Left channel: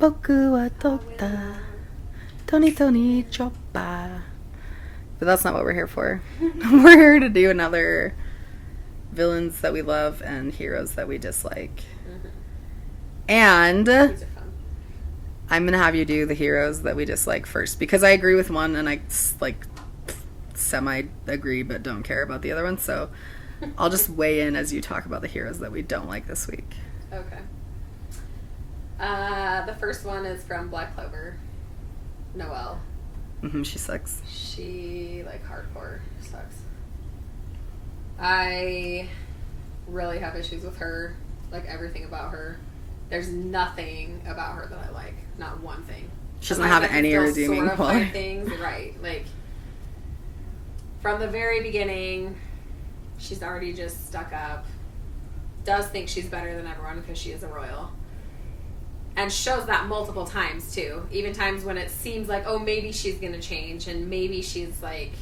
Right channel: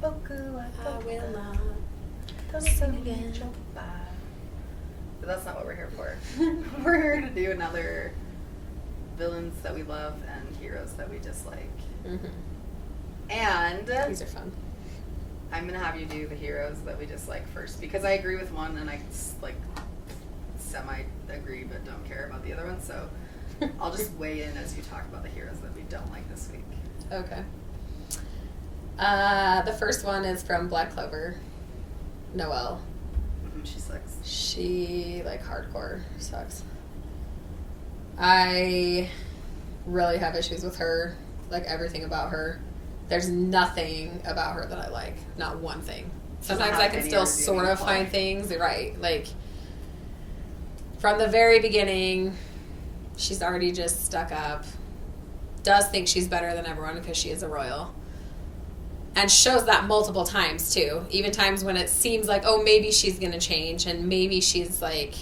Boku wa tota. Tony Tony Choppa. But that's not what we're here for. We're here to do another villains that we love and heroes that we dislike. Mm-hmm. And These are fun. I'm going to have you do the heroes that we dislike first because I agree with one and I like semi-agree but don't care about the other one. So I'll just weigh in as you talk about the heroes that we don't like this week. Okay. The first one is from Black Clover. Noelle. Mm-hmm, she sucks. She, like, hardcore sucks. I really have issues with her. Like, everything about her. There's nothing about her that I like. Not one thing. She doesn't have any redeeming still sort of quality. find things. Right. Like, from the very beginning, she's already just stuck up. Does think she's better than everyone because she is a royal. And shows that multiple times, too. Even times when it seems like, oh, maybe she's going to change. And maybe she's, like,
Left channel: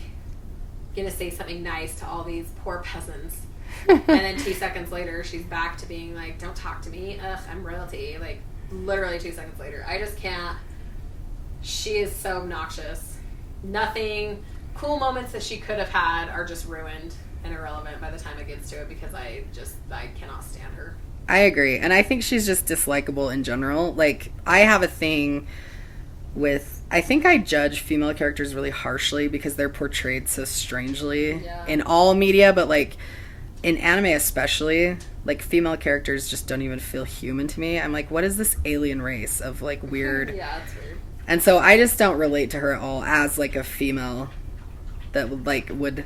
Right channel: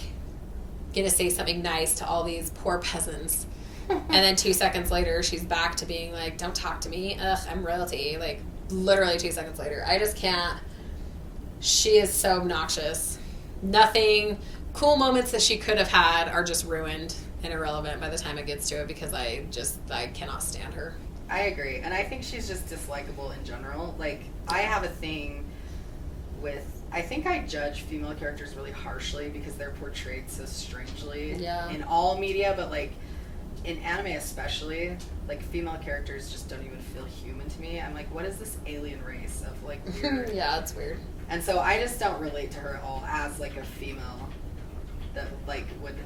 going to say something nice to all these poor peasants. And then 2 seconds later, she's back to being like, don't talk to me. Ugh, I'm royalty. Like, literally 2 seconds later. I just can't. She is so obnoxious. Nothing. Cool moments that she could have had are just ruined and irrelevant by the time it gets to it because I cannot stand her. I agree. And I think she's just dislikable in general. Like, I have a thing with... I think I judge female characters really harshly because they're portrayed so strangely in all media, but, like, in anime especially, like, female characters just don't even feel human to me. I'm like, what is this alien race of, like, weird... Yeah, it's weird. And so I just don't relate to her at all as, like, a female that, would...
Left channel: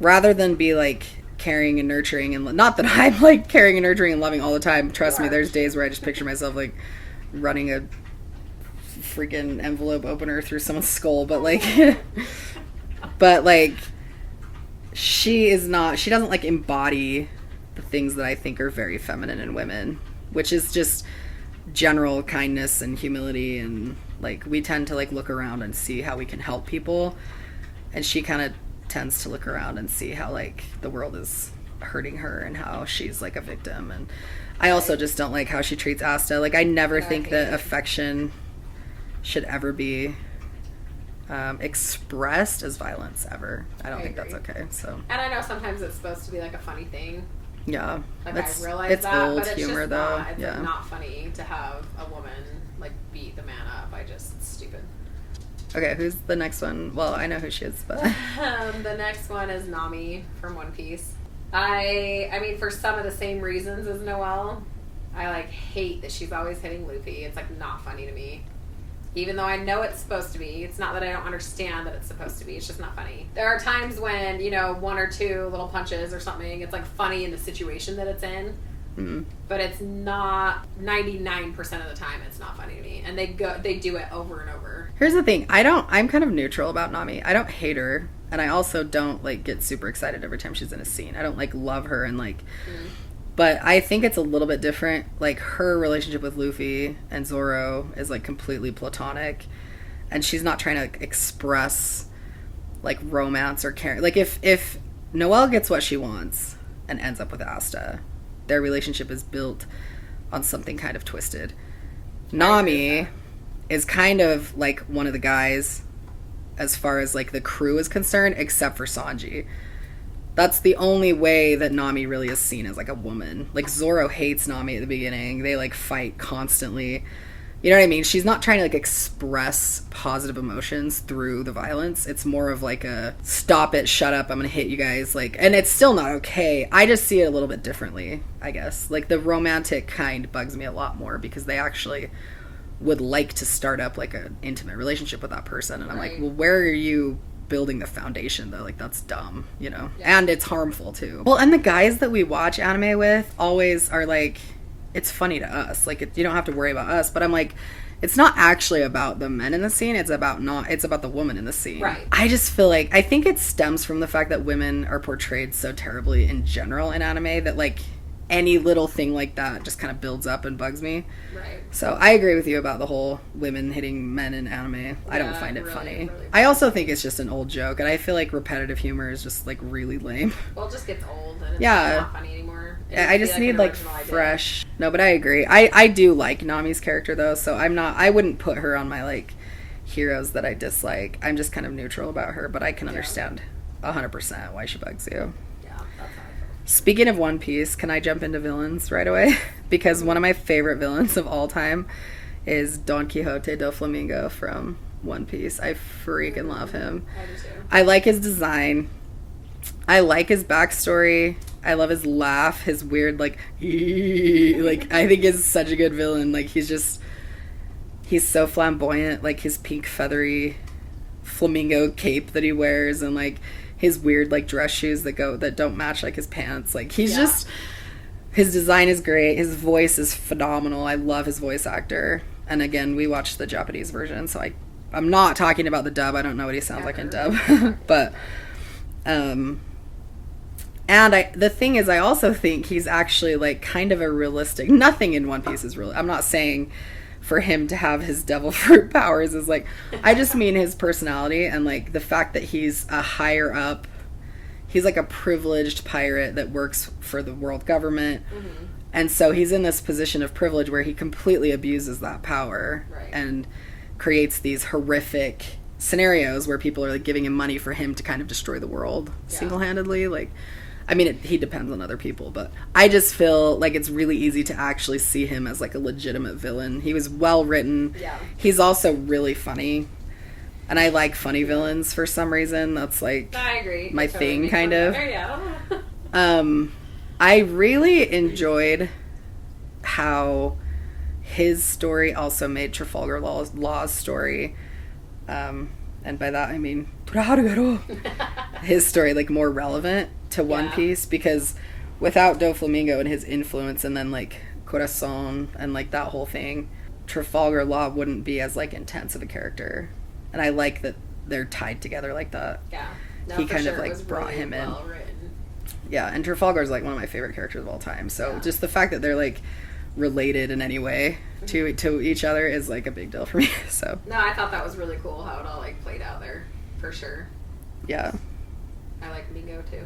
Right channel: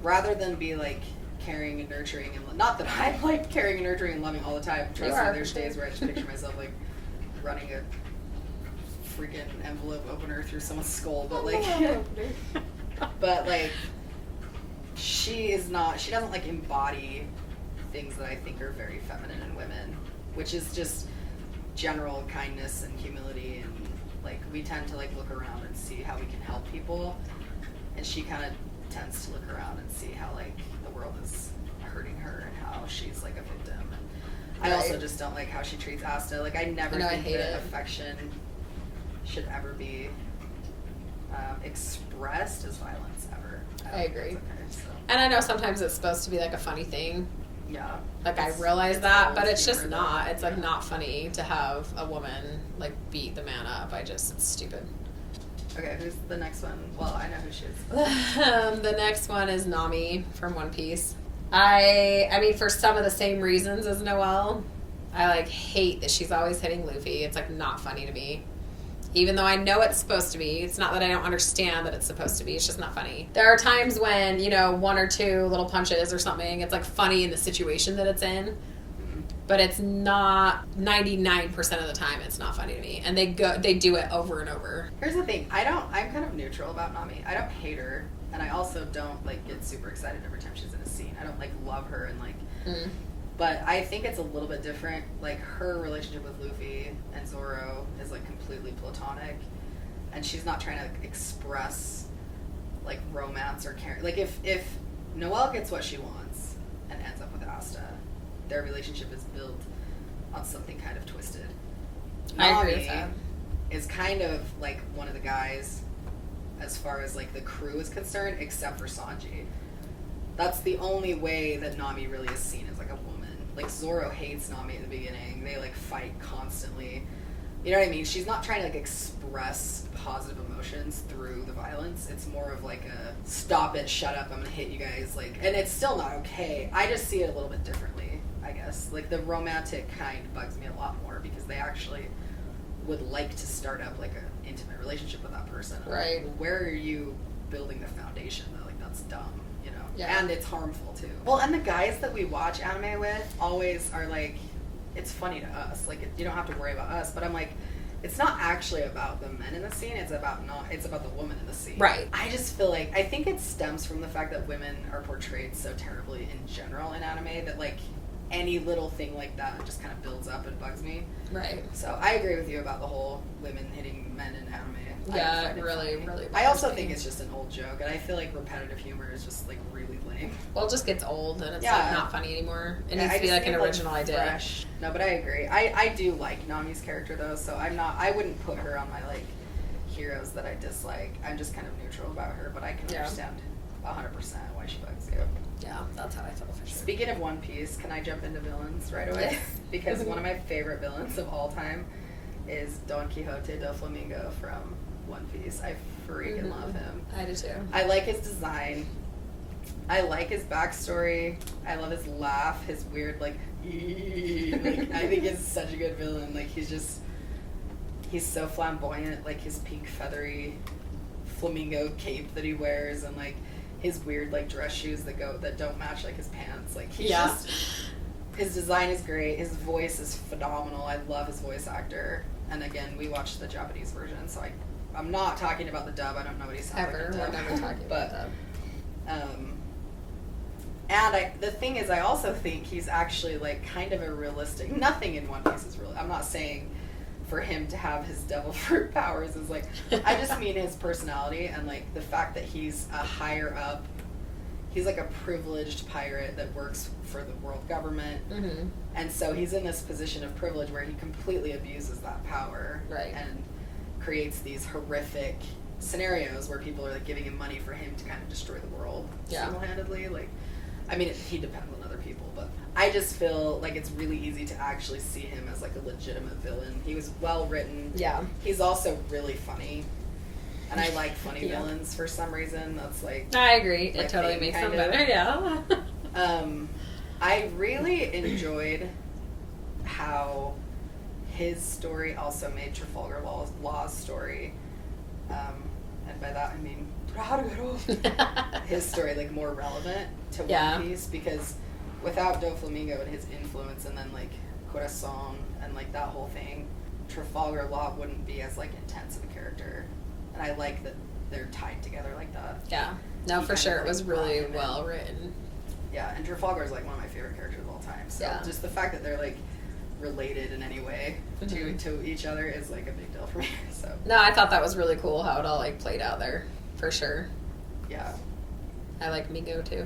Rather than be, like... caring and nurturing, and not that I'm like caring and nurturing and loving all the time. Trust me, there's days where I just picture myself like running a freaking envelope opener through someone's skull, but like she doesn't like embody the things that I think are very feminine in women, which is just general kindness and humility, and like we tend to like look around and see how we can help people, and she kind of tends to look around and see how like the world is hurting her and how she's like a victim. And I also just don't like how she treats Asta. Like, I never think that affection should ever be expressed as violence ever. I don't think that's okay. So, and I know sometimes it's supposed to be like a funny thing. Yeah, like I realize that, but it's humor, just not. Though. It's like not funny to have a woman like beat the man up. It's stupid. Okay, who's the next one? Well, I know who she is, but... The next one is Nami from One Piece. I mean, for some of the same reasons as Noelle, I, like, hate that she's always hitting Luffy. It's, like, not funny to me. Even though I know it's supposed to be. It's not that I don't understand that it's supposed to be. It's just not funny. There are times when, you know, 1 or 2 little punches or something, it's, like, funny in the situation that it's in. Mm-hmm. But it's not 99% of the time. It's not funny to me, and they do it over and over. Here's the thing: I'm kind of neutral about Nami. I don't hate her, and I also don't like get super excited every time she's in a scene. I don't like love her and like, but I think it's a little bit different. Like her relationship with Luffy and Zoro is like completely platonic, and she's not trying to express like romance or care. Like if Noelle gets what she wants and ends up with Asta, their relationship is built on something kind of twisted. Nami is kind of like one of the guys as far as like the crew is concerned, except for Sanji. That's the only way that Nami really is seen as like a woman. Like Zoro hates Nami at the beginning. They like fight constantly. You know what I mean? She's not trying to like express positive emotions through the violence. It's more of like a stop it, shut up, I'm gonna hit you guys. Like, and it's still not okay. I just see it a little bit differently, I guess. Like the romantic kind bugs me a lot more because they actually would like to start up like an intimate relationship with that person. And I'm like, well, where are you building the foundation though? Like that's dumb, you know? Yeah. And it's harmful too. Well, and the guys that we watch anime with always are like, it's funny to us. Like, you don't have to worry about us. But I'm like, it's not actually about the men in the scene. It's about the woman in the scene. Right. I just feel like, I think it stems from the fact that women are portrayed so terribly in general in anime that, like, any little thing like that just kind of builds up and bugs me. Right. So I agree with you about the whole women hitting men in anime. I don't find it funny. Really I also think it's just an old joke, and I feel like repetitive humor is just like really lame. Well, it just gets old, and it's not funny anymore. I just need like fresh. No, but I agree. I do like Nami's character though, so I wouldn't put her on my like heroes that I dislike. I'm just kind of neutral about her, but I can understand 100% why she bugs you. Yeah, that's how I feel. Speaking of One Piece, can I jump into villains right away? Because one of my favorite villains of all time is Don Quixote de Flamingo from One Piece. I freaking love him. I do too. I like his design. I like his backstory. I love his laugh, his weird like I think he's such a good villain. Like he's so flamboyant, like his pink feathery flamingo cape that he wears, and like his weird like dress shoes that don't match like his pants. Like he's just, his design is great. His voice is phenomenal. I love his voice actor. And again, we watched the Japanese version, so I'm not talking about the dub. I don't know what he sounds like in dub. But the thing is, I also think he's actually like kind of a realistic, nothing in One Piece is real. I'm not saying for him to have his devil fruit powers is like, I just mean his personality and like the fact that he's a higher up, he's like a privileged pirate that works for the world government. Mm-hmm. And so he's in this position of privilege where he completely abuses that power and creates these horrific scenarios where people are like giving him money for him to kind of destroy the world single-handedly. Like, I mean, he depends on other people, but I just feel like it's really easy to actually see him as like a legitimate villain. He was well written. Yeah. He's also really funny. And I like funny villains for some reason. That's like I agree. my thing kind of. Yeah. I really enjoyed how his story also made Trafalgar Law's story, and by that I mean his story like more relevant to One Piece, because without Doflamingo and his influence and then like Corazon and like that whole thing, Trafalgar Law wouldn't be as like intense of a character. And I like that they're tied together like that. Yeah. No, for sure. It was really well written. Yeah, and Trafalgar is like one of my favorite characters of all time. So just the fact that they're like related in any way to each other is like a big deal for me. So no, I thought that was really cool how it all like played out there, for sure. Yeah. I like Mingo too.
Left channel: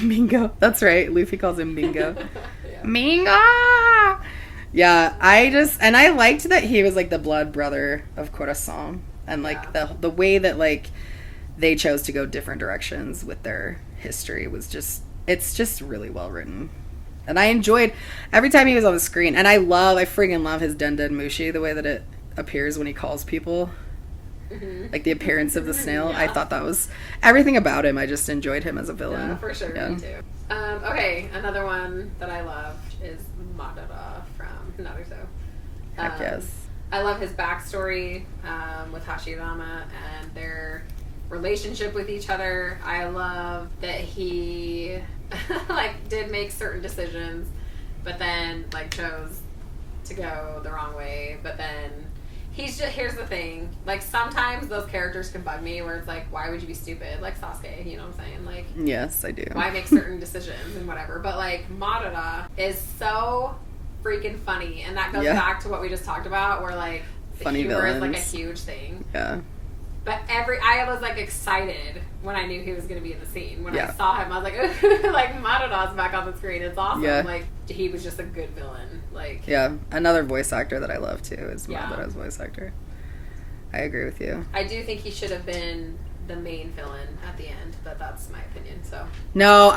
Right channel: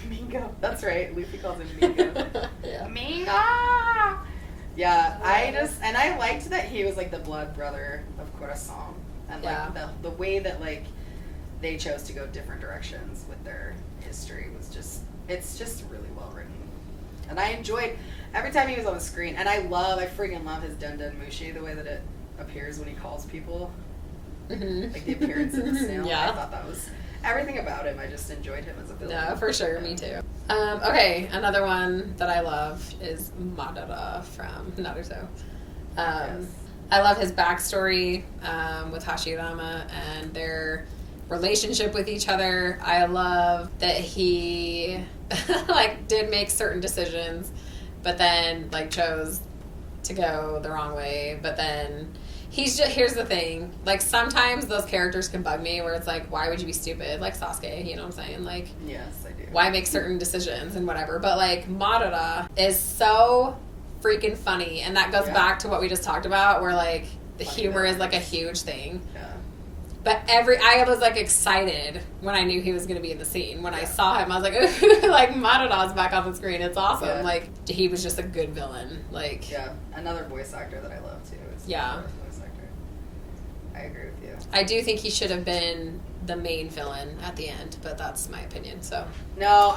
Mingo. That's right. Luffy calls him Mingo. Mingo! Yeah, I liked that he was like the blood brother of Corazon. And like the way that like they chose to go different directions with their history was it's just really well written. And I enjoyed every time he was on the screen. And I freaking love his Den Den Mushi, the way that it appears when he calls people. Mm-hmm. Like the appearance of the snail. I thought that was everything about him. I just enjoyed him as a villain. Yeah, for sure. Me too. Okay, another one that I love is Madara from Naruto. Yes. I love his backstory with Hashirama and their relationship with each other. I love that he like did make certain decisions, but then like chose to go the wrong way. But then here's the thing, like sometimes those characters can bug me where it's like, why would you be stupid? Like Sasuke, you know what I'm saying? Like, yes, I do. Why make certain decisions and whatever? But like Madara is so freaking funny, and that goes back to what we just talked about, where like the funny humor villains. is like a huge thing. Yeah. But I was like excited when I knew he was going to be in the scene. When I saw him, I was like, ooh, like Madara's back on the screen. It's awesome. Yeah. Like he was just a good villain. Like another voice actor that I love too is Madara's voice actor. I agree with you. I do think he should have been the main villain at the end, but that's my opinion. So no,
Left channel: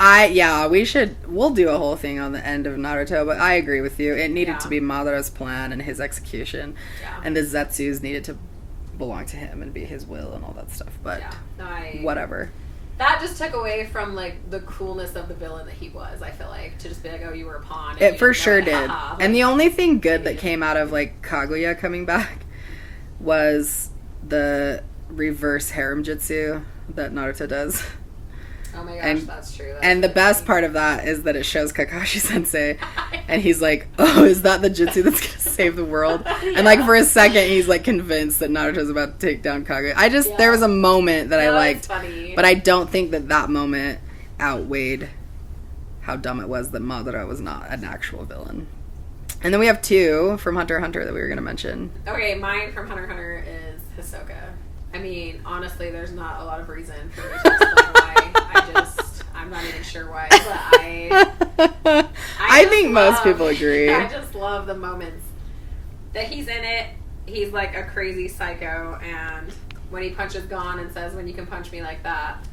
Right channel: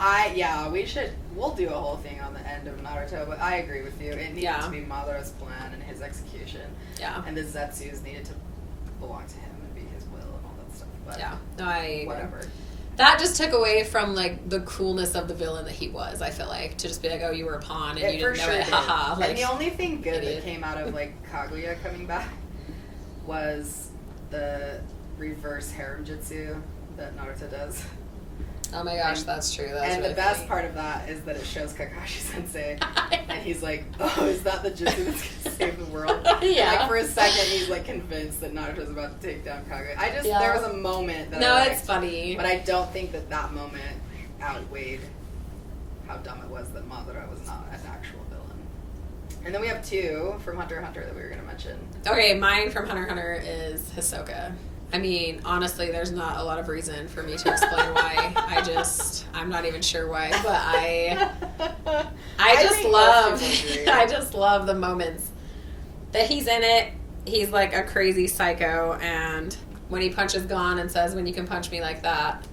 we'll do a whole thing on the end of Naruto, but I agree with you. It needed to be Madara's plan and his execution. Yeah. And the Zetsus needed to belong to him and be his will and all that stuff. But whatever. That just took away from like the coolness of the villain that he was. I feel like to just be like, oh, you were a pawn. And it for sure did. Like, and the only thing good that came out of like Kaguya coming back was the reverse harem jutsu that Naruto does. Oh my gosh, that's true. And the best part of that is that it shows Kakashi Sensei, and he's like, "Oh, is that the jutsu that's gonna save the world?" And like for a second, he's like convinced that Naruto's about to take down Kaguya. There was a moment that I liked, funny. But I don't think that moment outweighed how dumb it was that Madara was not an actual villain. And then we have 2 from Hunter x Hunter that we were going to mention. Okay, mine from Hunter x Hunter is Hisoka. I mean, honestly, there's not a lot of reason for me to explain why. I'm not even sure why, but I think most people agree. I just love the moments that he's in it. He's like a crazy psycho, and when he punches Gon and says, "When you can punch me like that."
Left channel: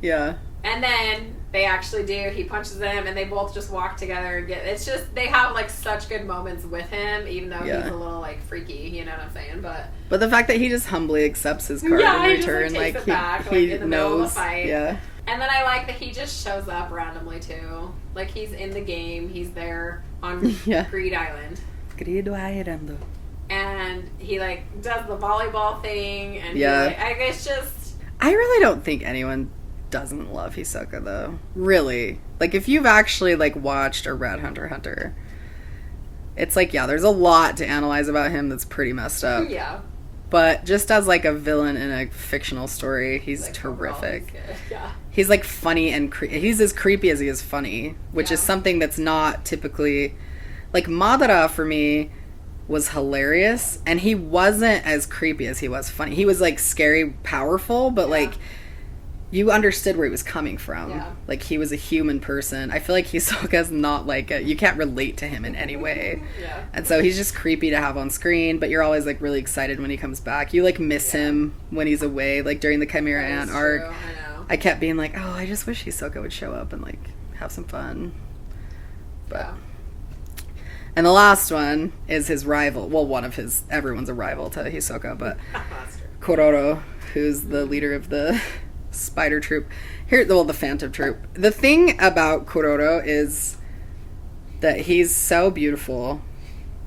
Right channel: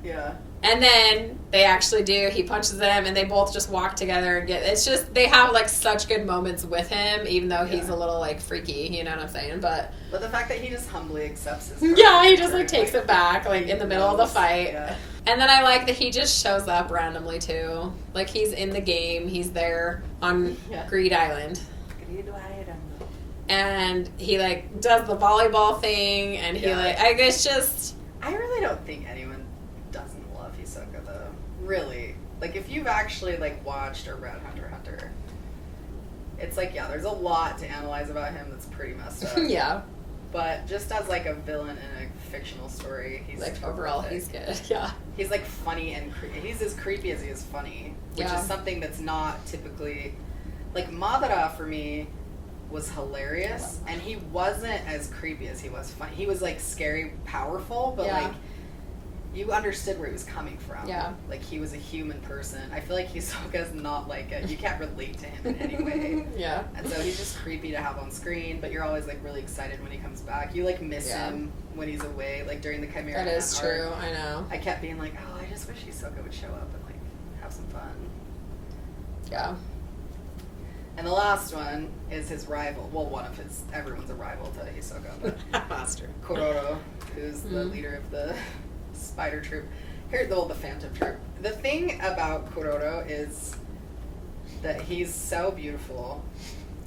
Yeah. And then they actually do. He punches them, and they both just walk together and it's just, they have like such good moments with him, even though he's a little like freaky, you know what I'm saying? But the fact that he just humbly accepts his card. Yeah, he just like takes it back like in the middle of the fight. Yeah. And then I like that he just shows up randomly too. Like he's in the game. He's there on Greed Island. Greed Island. And he like does the volleyball thing, and he like, I guess just. I really don't think anyone doesn't love Hisoka though. Really. Like if you've actually like watched or read Hunter x Hunter, it's like, yeah, there's a lot to analyze about him that's pretty messed up. Yeah. But just as like a villain in a fictional story, he's like, terrific. He's good. Yeah. He's like funny and he's as creepy as he is funny, which is something that's not typically like Madara for me was hilarious, and he wasn't as creepy as he was funny. He was like scary, powerful, but like you understood where he was coming from. Yeah. Like he was a human person. I feel like Hisoka's not like you can't relate to him in any way. Yeah. And so he's just creepy to have on screen, but you're always like really excited when he comes back. You like miss him when he's away, like during the Chimera Ant arc. I know. I kept being like, oh, I just wish Hisoka would show up and like have some fun. Yeah. And the last one is his rival. Well, everyone's a rival to Hisoka, but Kororo, who's the leader of the spider troop. The phantom troop. The thing about Kororo is that he's so beautiful.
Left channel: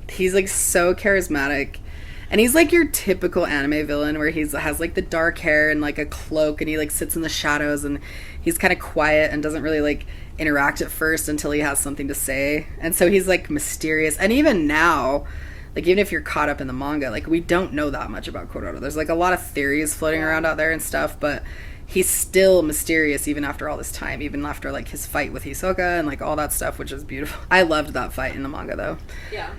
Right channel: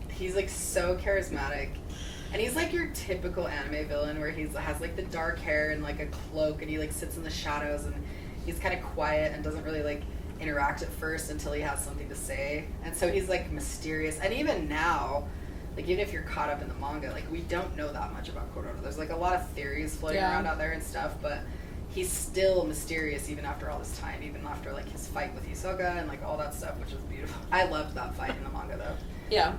He's like so charismatic. And he's like your typical anime villain where has like the dark hair and like a cloak, and he like sits in the shadows, and he's kind of quiet and doesn't really like interact at first until he has something to say. And so he's like mysterious. And even now, like even if you're caught up in the manga, like we don't know that much about Kororo. There's like a lot of theories floating around out there and stuff, but he's still mysterious even after all this time, even after like his fight with Hisoka and like all that stuff, which is beautiful. I loved that fight in the manga though. Yeah.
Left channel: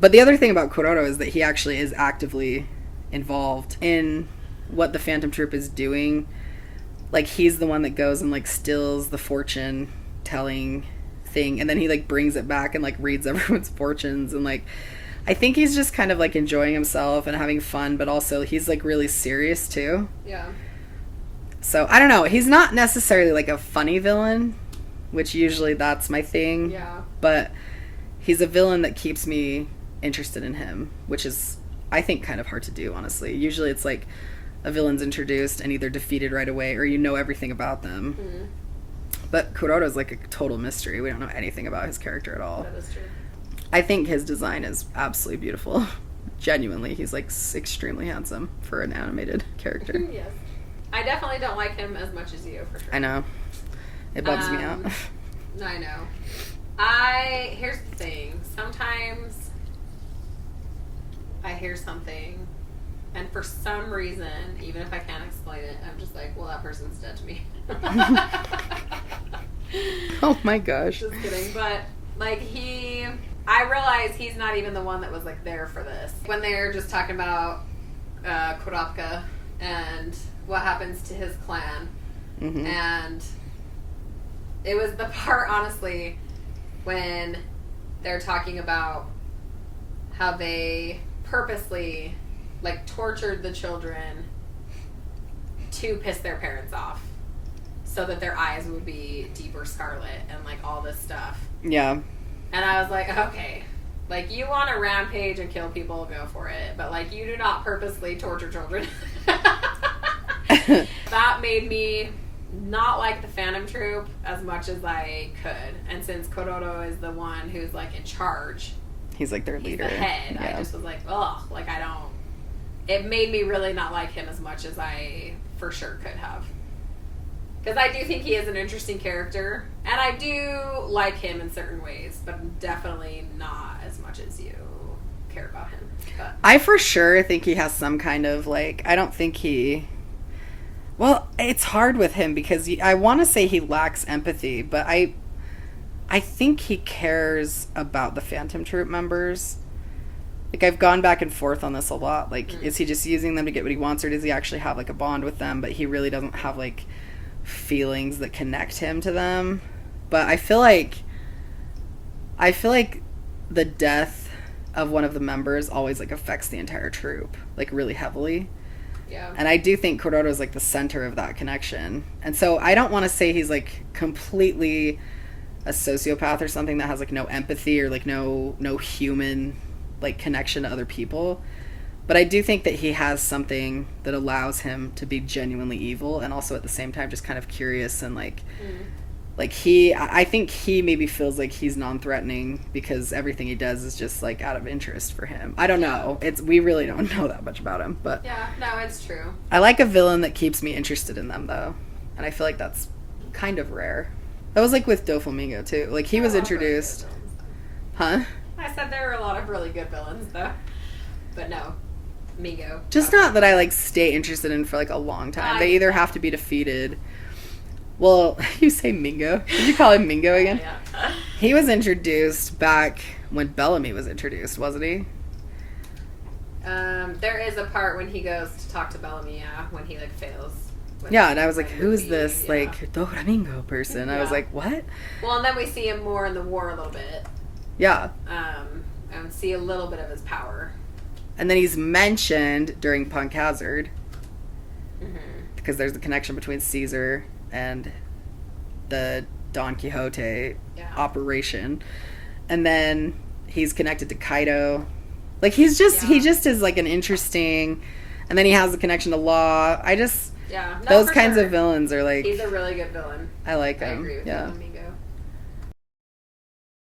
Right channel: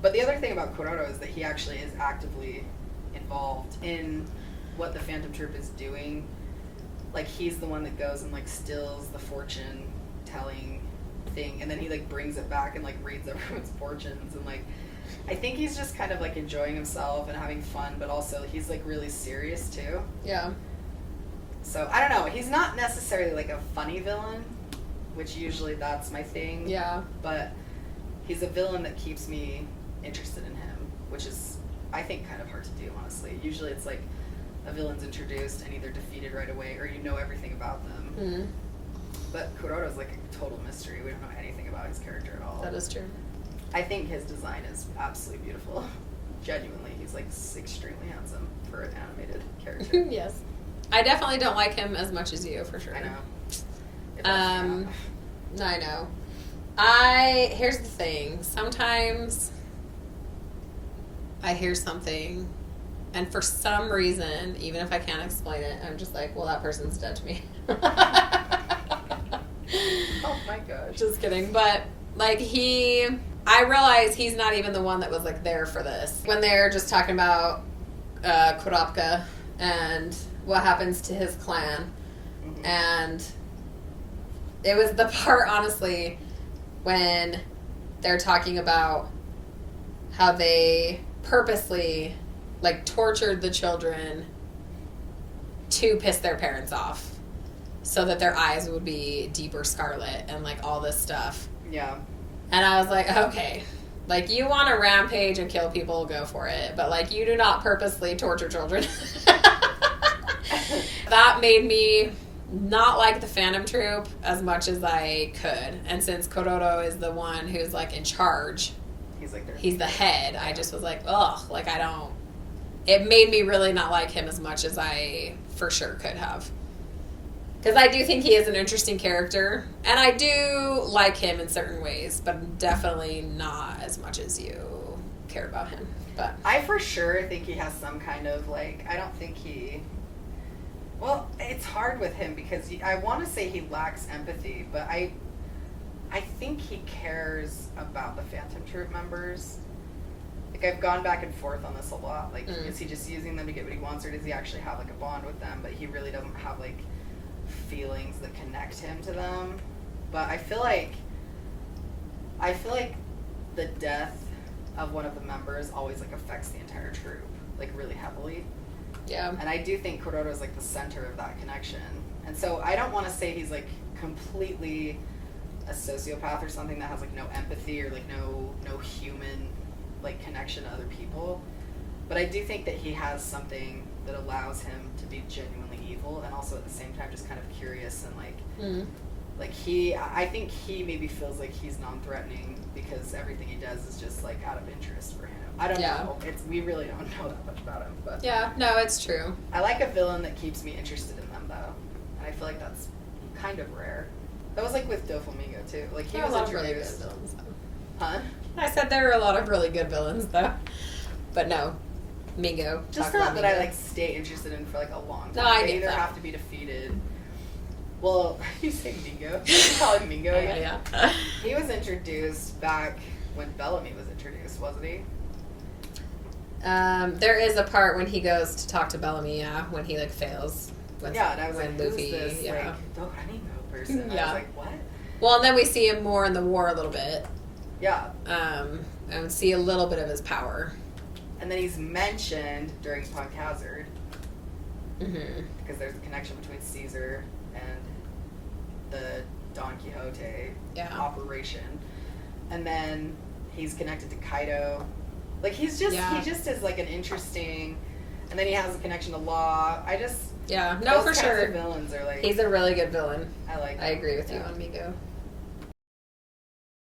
But the other thing about Kororo is that he actually is actively involved in what the Phantom Troop is doing. Like he's the one that goes and like steals the fortune telling thing, and then he like brings it back and like reads everyone's fortunes, and like I think he's just kind of like enjoying himself and having fun, but also he's like really serious too. Yeah. So I don't know, he's not necessarily like a funny villain, which usually that's my thing. Yeah. But he's a villain that keeps me interested in him, which is I think kind of hard to do, honestly. Usually it's like a villain's introduced and either defeated right away or you know everything about them. Mm. But Kororo's like a total mystery. We don't know anything about his character at all. That is true. I think his design is absolutely beautiful. Genuinely, he's like extremely handsome for an animated character. Yes. I definitely don't like him as much as you, for sure. I know. It bugs me out. I know. Here's the thing. Sometimes I hear something, and for some reason, even if I can't explain it, I'm just like, well, that person's dead to me. Oh my gosh. Just kidding. But, like, I realize he's not even the one that was, like, there for this. When they're just talking about Kurapika and what happens to his clan. Mm-hmm. And it was the part, honestly, when they're talking about how they purposely, like, tortured the children to piss their parents off so that their eyes would be deeper scarlet and, like, all this stuff. Yeah. And I was like, okay, like, you want to rampage and kill people, go for it. But, like, you do not purposely torture children. That made me not like the Phantom Troop as much as I could. And since Kororo is the one who's, like, in charge, he's like their leader. He's the head. Yeah. I just was like, ugh, like, it made me really not like him as much as I for sure could have. Because I do think he is an interesting character, and I do like him in certain ways, but definitely not as much as you care about him. But I for sure think he has some kind of, like, I don't think he... Well, it's hard with him because I want to say he lacks empathy, but I think he cares about the Phantom Troop members. Like, I've gone back and forth on this a lot. Like, is he just using them to get what he wants, or does he actually have, like, a bond with them, but he really doesn't have, like, feelings that connect him to them? But I feel like the death of one of the members always, like, affects the entire troop, like, really heavily. Yeah. And I do think Kuroda is, like, the center of that connection. And so I don't want to say he's, like, completely a sociopath or something that has, like, no empathy or, like, no human, like, connection to other people. But I do think that he has something that allows him to be genuinely evil and also at the same time just kind of curious and, like, I think he maybe feels like he's non-threatening because everything he does is just, like, out of interest for him. I don't know. We really don't know that much about him, but yeah, no, it's true. I like a villain that keeps me interested in them, though. And I feel like that's kind of rare. That was, like, with Doflamingo, too. Like, he was introduced. Really villains, huh? I said there were a lot of really good villains, though. But no. Mingo. Just not that I, like, stay interested in for, like, a long time. No, They either have to be defeated. Well, you say Mingo. Did you call him Mingo again? Yeah. He was introduced back when Bellamy was introduced, wasn't he? There is a part when he goes to talk to Bellamy, when he, like, fails. Yeah, and I was like, who's Luffy, this, like, Doflamingo person? I was like, what? Well, and then we see him more in the war a little bit. Yeah. And see a little bit of his power. And then he's mentioned during Punk Hazard. Mm-hmm. Because there's the connection between Caesar and the Don Quixote operation. And then he's connected to Kaido. Like, he just is, like, an interesting... And then he has the connection to Law. Yeah, no, those for kinds sure. of villains are, like... He's a really good villain. I like him. I agree with you, yeah. Amigo.